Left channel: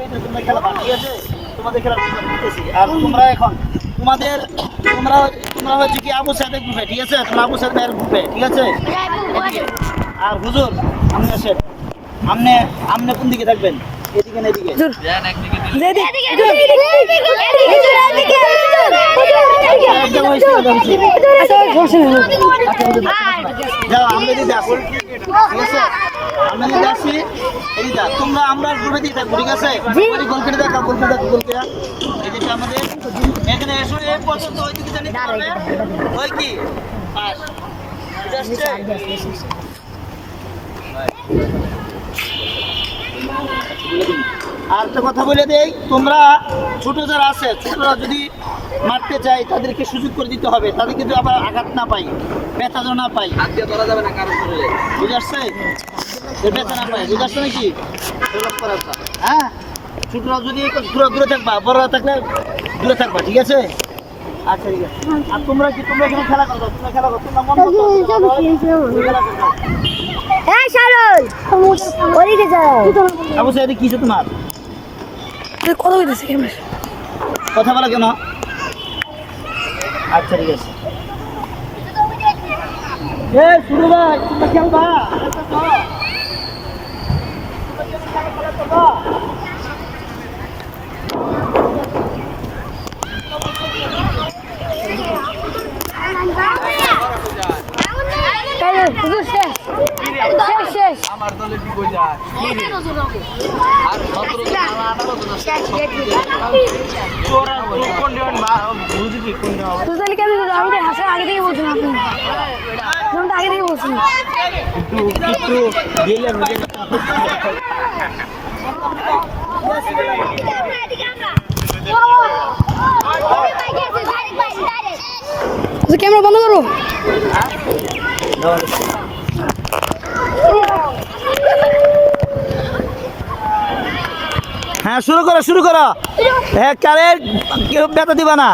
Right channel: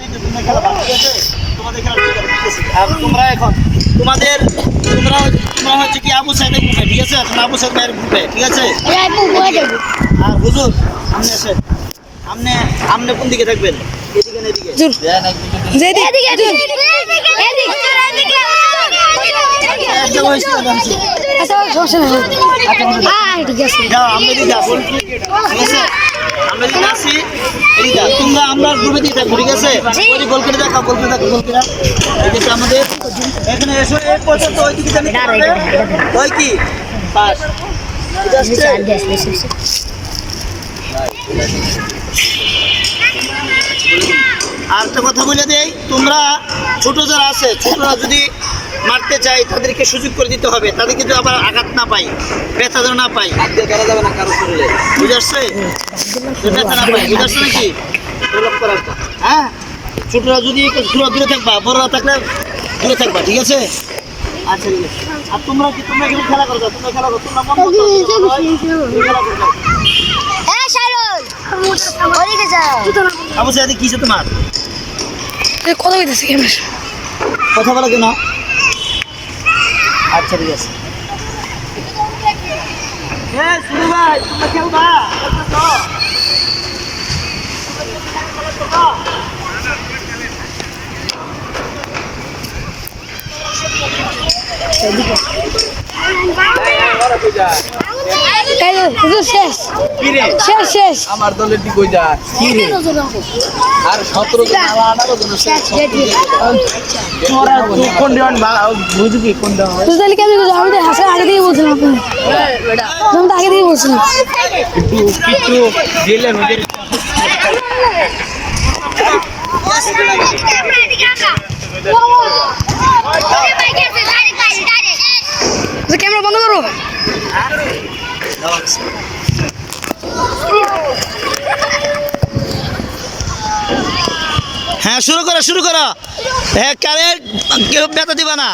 তোমরা খেলা বাদ, ঠিক আছে? তোমাদের খেলা দিতেছি। আর তোমরা এখন তোমরা হচ্ছে কি আবু সাইদের গ্রুপে, ঠিক আছে? তোমরা আবু সাইদ ভাইয়ের গ্রুপে, ঠিক আছে? আর হুজুর আপনি আসেন, আপনি কোন দিকে থাকবেন? এদিকে না এদিকে? তোমরা আমরা গ্রুপে দিয়ে থাকবো, ঠিক আছে? গোল করে দেখাও, গোল করে দেখো, গোল করে এদিকে আমাদের এখানে এসো। এই পর্যন্ত ওই দিকে জানি ওই কি পাস আর একটা কথা বলে দেই, তোমরা ছোট যারা আছে, ছোটরা যদি মারতে চাই তাদেরকে সুযোগ করে দিতে হবে, তাদেরকে যদি আবার আঘাত না পাই, ব্যথা যেন না পাই, ধরা যাবে না কারো শরীরে, বুঝে আসছে? ব্যথা না পাই, বুঝে আসছে নাকি? হ্যাঁ, ছোটরা যদি দূরে থাকবা, বড়রা থাকলে দূরে থাকবা, ঠিক আছে? আচ্ছা ঠিক আছে। আর তোমরা এখানে খেলা করো, তোমরা খেলা করো, তোমরা মন মতো খেলা করো। আবু সাইদ কিসে তোমার কথা বলতেছে ক্যামেরা, কথা বলা কেন? আচ্ছা ঠিক আছে। শুরু ভাই, তোমরা খেলবা? শেষ শেষ শেষ আমার দলের দিকে যা কি রে আর 17 জন 18 জন তোরা কোন জন বুঝবি কোন জন তুই তাহলে কেন আমি তো হাসা আগে থেকে বলছিলাম তুমি তো আগে থেকে বলছিলাম একটু দিলেন ওদের ক্যামেরা বন্ধ করো। হ্যাঁ শুরু করো। হ্যাঁ কারে কেউ ব্যথা দিবা না।